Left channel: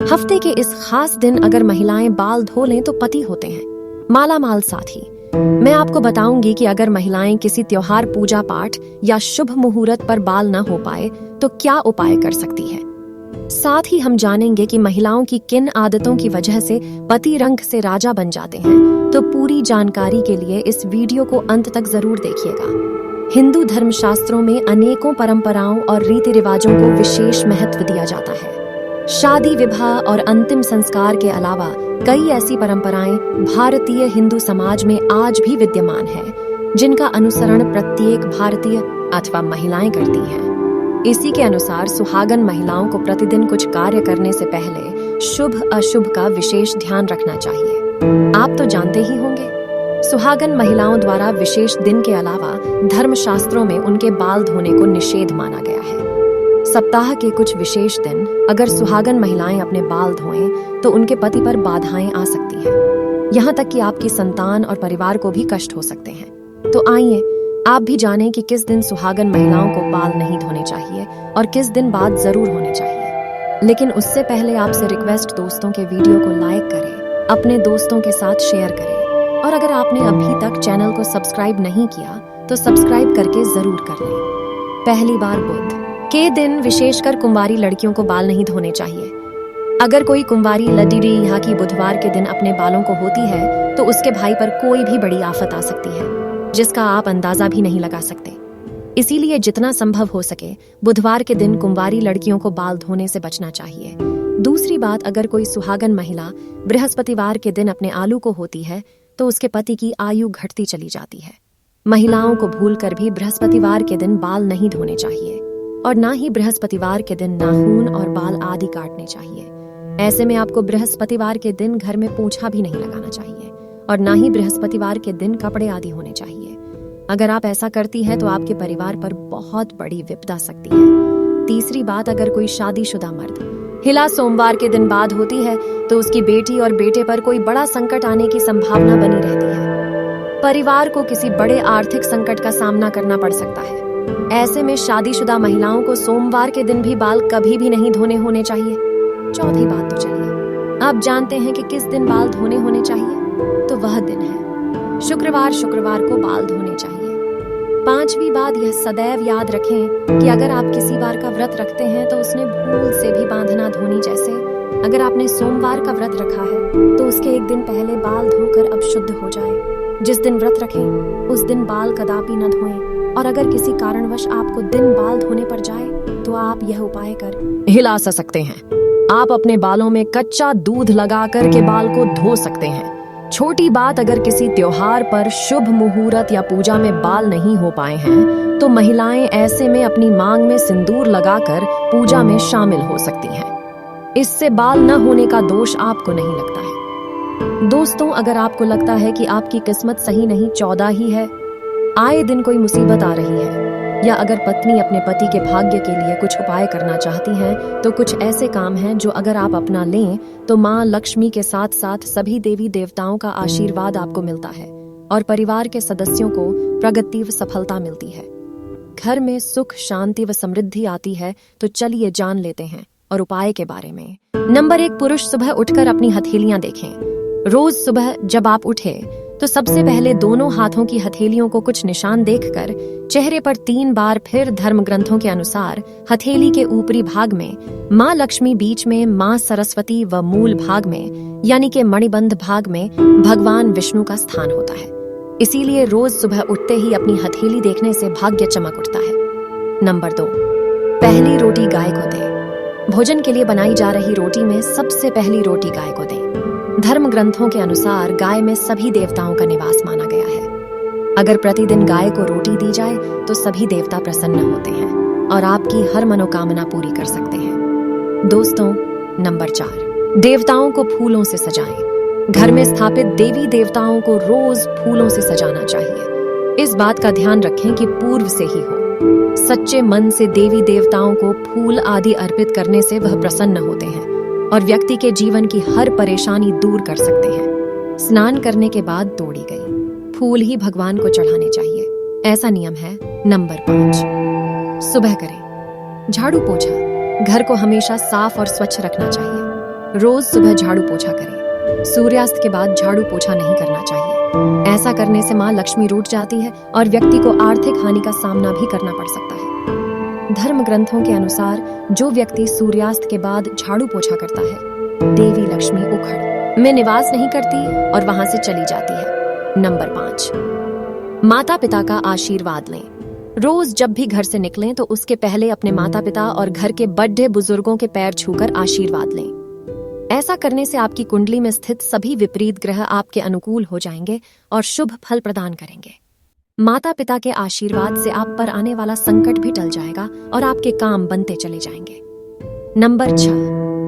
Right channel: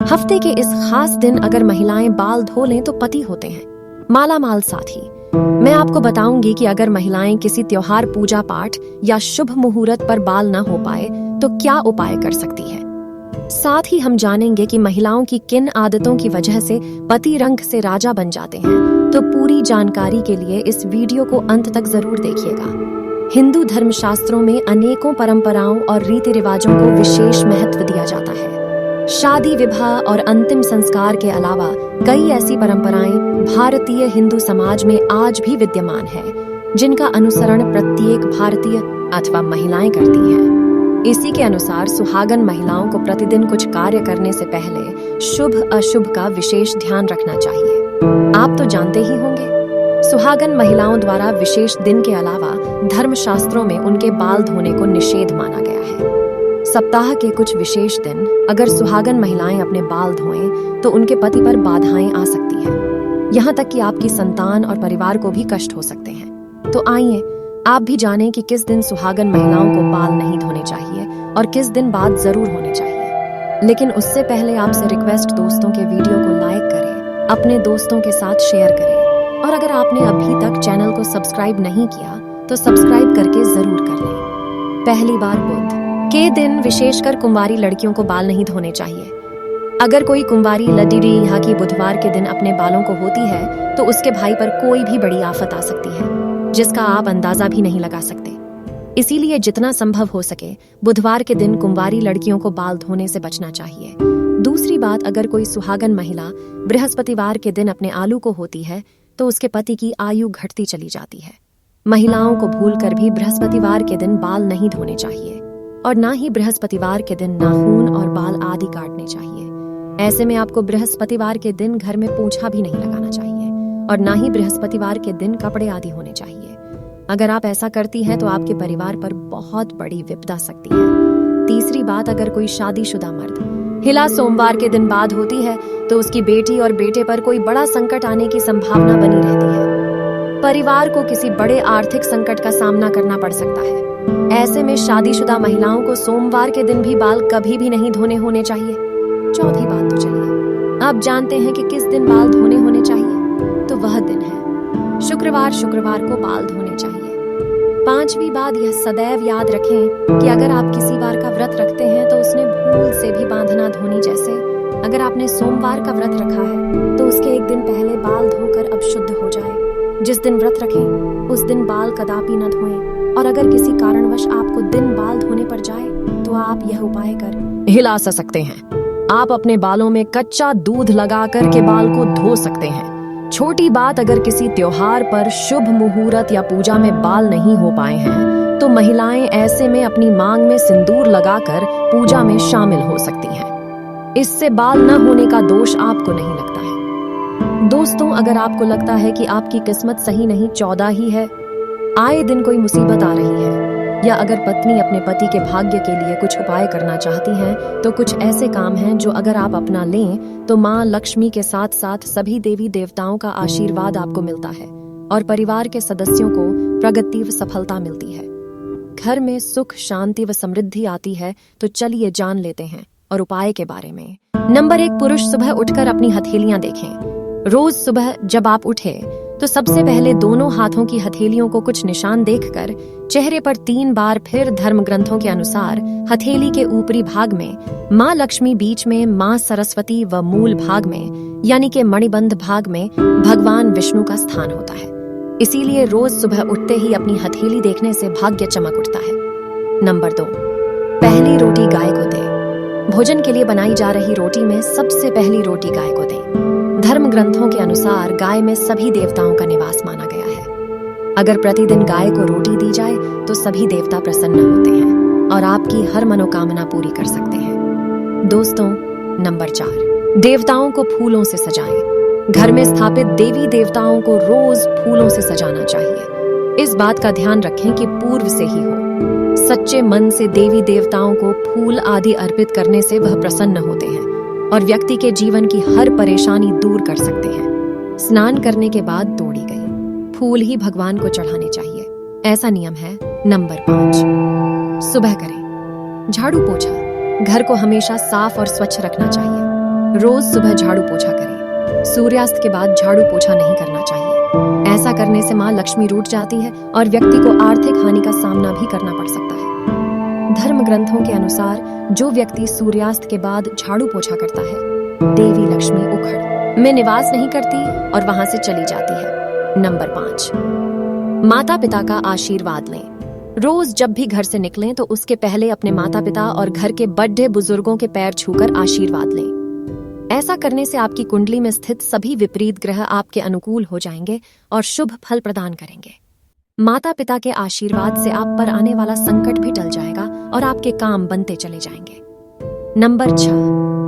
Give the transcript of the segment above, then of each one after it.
हफ्ते के इस खास दिन अगर महिलाएं बाल धो लें तो पति होते हैं माला माल साथी। मैं आपको बताऊंगी कि अगर महिलाएं किसी त्योहार, पूजा पाठ या शुभ मुहूर्त पर बाल न हो पाए तो क्या उपाय कर सकती है। साथ ही हम जानेंगे कि महिलाओं की किन आदतों की वजह से पति रंग से राजा बन जाते हैं। तो पूरी जानकारी के लिए इस वीडियो को अंत तक जरूर देखिएगा। हिंदू धर्मशास्त्रों में अनेकों परंपराओं और रीति रिवाजों को विशेष महत्व दिया जाता है। शादी, विवाह और अंतिम संस्कार के अलावा कई ऐसी परंपराएं भारतीय हिंदू समाज में आज भी विद्यमान है, जिनका अनुसरण प्रत्येक भारतीय अथवा महिलाएं करती हैं। इसी के अनुसार सुहागन महिलाओं को प्रतिदिन कुछ कार्य करने से पहले शुभ अशुभ का विशेष ध्यान रखना चाहिए। आप तो जानते ही होंगे, सुहागन महिलाओं द्वारा विशेष दिन के अलावा धर्मशास्त्रों में उनके बाल धोने को निषेध माना गया है। सप्ताह के कुछ विशेष दिन अगर सुहागन महिलाएं अपने बाल धोएं तो उनके पति पर बाधाएं आ सकती हैं। यहाँ तक कि आपकी संतान और परिवार को भी कष्ट हो सकते हैं। तो आइए आप भी जानें कि किस दिन सुहागन महिलाओं को बाल नहीं धोने चाहिए और किस दिन बाद जरूर होने चाहिए। लेकिन उससे पहले आपसे रिक्वेस्ट, दोस्तों के वीडियो को लाइक करें, अपने दोस्तों के साथ शेयर करें और अगर आपने अभी तक चैनल को सब्सक्राइब नहीं किया तो सब्सक्राइब करके जरूर कर लें। पहली बार बुध के दिन विशेषकर कुंवारी लड़कियों को बाल नहीं धोने चाहिए। अगर कोई कुंवारी लड़की यहाँ की बुधवार के दिन अपने बालों को होती है तो उसके भाई पर कोई भी बड़ी आफत आ सकती है, जिसका आप अंदाजा भी नहीं लगा सकते। इसीलिए जितना संभव हो सके बुधवार के दिन कुंवारी लड़कियों को बाल धोने से बचना चाहिए। दूसरी बात, अगर कोई सुहागन महिला बृहस्पतिवार के दिन अपने आलू को होती है तो उसके पति की आयु घटती चली जाती है। महिलाओं को भूलकर भी बृहस्पतिवार के दिन बाल नहीं धोने चाहिए और ना ही बृहस्पतिवार के दिन नाखून और बाल आदि काटने चाहिए। ऐसे में आपको बृहस्पतिवार के दिन घर में पोछा भी नहीं लगाना चाहिए और ना ही बृहस्पतिवार के दिन कपड़े आदि होने चाहिए। अगर आप ऐसा करती हैं तो आपके परिवार पर बहुत बड़ी विपदा सकती है। तीसरी बात, अगर कोई शादीशुदा मर्द हिला सोमवार के दिन बाद होती है तो उसकी बेटी और बेटे पर कोई बड़ा संकट आने की संभावना बनी रहती है। परिवार को किसी बड़े आर्थिक संकट का सामना करना पड़ सकता है। ऐसे में शादीशुदा महिलाओं को सोमवार के दिन भी बाल कभी भी नहीं धोने होने चाहिए। चौथी बात, तो चलिए आप जानते हैं कि किस दिन बाल धोने होने चाहिए। तो वह दिन है शुक्रवार को बाल धोने चाहिए। पांचवी बात, यह सदैव याद रखें कि अगर आप किसी बार का व्रत रखते हैं तो उसने भूल से भी बांधना धोनी। जैसे अगर आपने सोमवार का व्रत रखा है तो उसके एक दिन पहले बाल धोकर अब शुद्ध हो जाए। जिस दिन व्रत रखें उस दिन बाल कदापि न धोएं और अगर किसी कारणवश आपको दिन बाल धोने पर जाए तो आप यह उपाय कर हिला सकते हैं। आप अपने बालों में कच्चा दूध लगाकर के बाल को धो सकते हैं। छोटी बात, अगर किसी त्योहार पर, शुभ मुहूर्त या पूजा में बाल नहीं हो पाए हैं तो महिलाएं ऐसे में अपनी मांग में सिंदूर लगाकर पूजा में शामिल हो सकती हैं। इससे बाल न होने का दोष आपको नहीं लगता है। दोस्तों, अगर आपको लगता है कि आपकी किस्मत सही नहीं 14 ही है, आए दिन कोई मुसीबत आ रही है, या अगर पत्नी अपने पति के भाग्य के लिए कुछ उपाय करना चाहती हैं तो कुछ ऐसे काम हैं जो अगर आप अपना लें तो माँ लक्ष्मी के साथ साथ सभी देवी देवताओं का आशीर्वाद आपको मिलता है और परिवार के सदस्यों को प्रगति व सफलता मिलती है। घर में सुख, शांति व समृद्धि आती है। तो चलिए जान लेते हैं और उपाय के बारे में। नंबर 1, पुरुष सुबह उठकर अपनी हथेलियां देखें। रोज सुबह जब आप उठे तो सबसे पहले दोनों हाथों की हथेलियों को कुछ निशान देखकर चेहरे पर 3 बार, फिर धर्म ग्रंथों के अनुसार हथेली के ऊपरी भाग में माँ लक्ष्मी, बीच में माँ सरस्वती व मूल भाग में यानी के मणिबंध भाग में भगवान विष्णु का स्थान होता है। इसीलिए रोज सुबह उठते ही अपनी हथेली देखने से भाग्य चमक उठता है। नंबर 2, पहली रोटी गाय को दें। भोजन के लिए बनाई जा रही रोटी में सबसे पहली रोटी गाय को दें। धर्म ग्रंथों के अनुसार गाय में सभी देवताओं का निवास माना गया है। अगर प्रतिदिन गाय को रोटी दी जाए तो सभी देवता प्रसन्न होते हैं और आपकी हर मनोकामना पूरी कर सकते हैं। दोस्तों, नंबर 4, देवताओं को फूलों से सजाएं। घर में स्थापित देवी देवताओं को रोज फूलों से सजाना चाहिए। इस बात का ध्यान रखें कि पूर्व से ही हो। सच्चे मन से देवी देवताओं को फूल आदि अर्पित करने से वह प्रसन्न होते हैं और व्यक्ति के जीवन की हर परेशानी दूर कर सकते हैं। स्नान करने के बाद तोड़ी गई फूल ही भगवान को चढ़ाने चाहिए, ऐसा नियम है। नंबर 5, सुबह करें झाड़ू पोछा। घर को हमेशा साफ और स्वच्छ रखना चाहिए। रोज सुबह झाड़ू पोछा करें। सूर्यास्त के बाद झाड़ू पोछा नहीं करना चाहिए। ऐसा करने से माँ लक्ष्मी रूठ जाती है और व्यक्ति को आर्थिक हानि का सामना भी करना पड़ सकता है। धर्म ग्रंथों के अनुसार जो व्यक्ति सूर्यास्त के बाद झाड़ू पोछा करता है, देवी लक्ष्मी उखड़ में निवास नहीं करती और वहां से चली जाती है। नंबर 5, माता पिता का आशीर्वाद लें। रोज जब भी घर से निकलें तो उसके पहले अपने माता पिता और घर के बड़े बुजुर्गों के पैर छूकर आशीर्वाद लें। ऐसा करने से आपकी कुंडली में स्थित सभी विपरीत ग्रह आपके अनुकूल हो जाएंगे और शुभ फल प्रदान करेंगे। माता पिता के आशीर्वाद से आप पर आने वाला संकट भी टल जाएगा और आपके काम बनते चले जाएंगे। नंबर 6,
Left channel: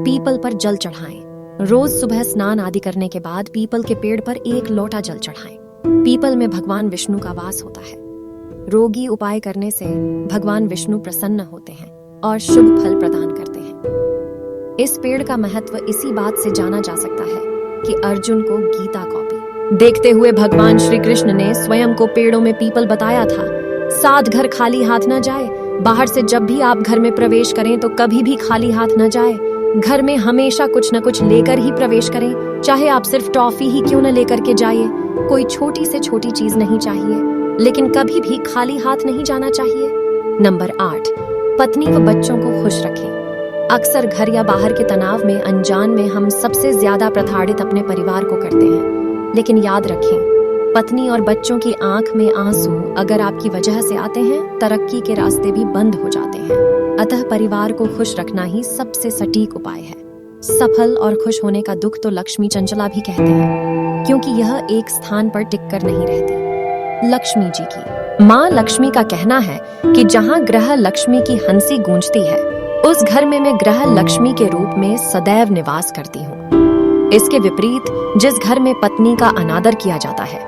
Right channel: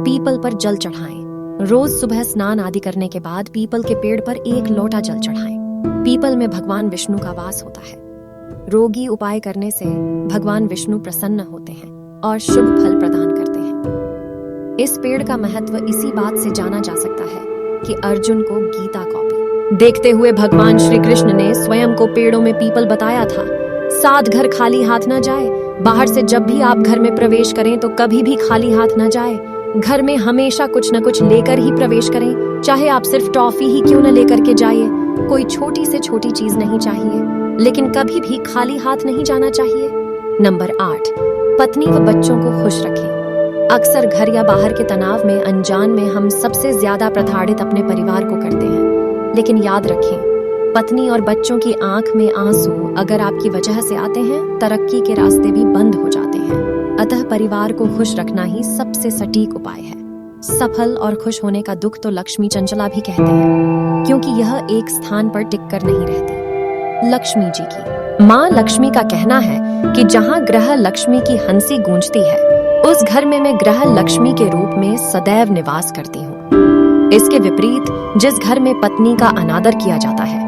पीपल पर जल चढ़ाएं। रोज सुबह स्नान आदि करने के बाद पीपल के पेड़ पर 1 लोटा जल चढ़ाएं। पीपल में भगवान विष्णु का वास होता है। रोगी उपाय करने से भगवान विष्णु प्रसन्न होते हैं और शुभ फल प्रदान करते हैं। इस पेड़ का महत्व इसी बात से जाना जा सकता है कि अर्जुन को गीता कॉपी देखते हुए भगवान श्री कृष्ण ने स्वयं को पेड़ों में पीपल बताया था। 7 घर खाली हाथ न जाए। बाहर से जब भी आप घर में प्रवेश करें तो कभी भी खाली हाथ न जाए। घर में हमेशा कुछ न कुछ लेकर ही प्रवेश करें, चाहे आप सिर्फ टॉफी ही क्यों न लेकर के जाइए। कोई छोटी से छोटी चीज नहीं चाहिए, लेकिन कभी भी खाली हाथ नहीं जाना चाहिए। नंबर 8, पत्नी व बच्चों को खुश रखें। अक्सर घर या बाहर के तनाव में अनजान में हम सबसे ज्यादा प्रताड़ित अपने परिवार को करते हैं, लेकिन याद रखें, पत्नी और बच्चों की आंख में आंसू अगर आपकी वजह से आते हैं, तरक्की के रास्ते भी बंद हो जाते हैं। अतः परिवार को खुश रखना ही सबसे सटीक उपाय है। सफल और खुश होने का दुख तो लक्ष्मी चंचला भी कहते हैं, क्योंकि यह एक स्थान पर टिककर नहीं रहती। लक्ष्मी जी की माँ लक्ष्मी का कहना है कि जहाँ ग्रह लक्ष्मी की हंसी गूंजती है, उस घर में मैं ग्रह लक्ष्मी के रूप में सदैव निवास करती हूँ। इसके विपरीत जिस घर में पत्नी का अनादर किया जाता है,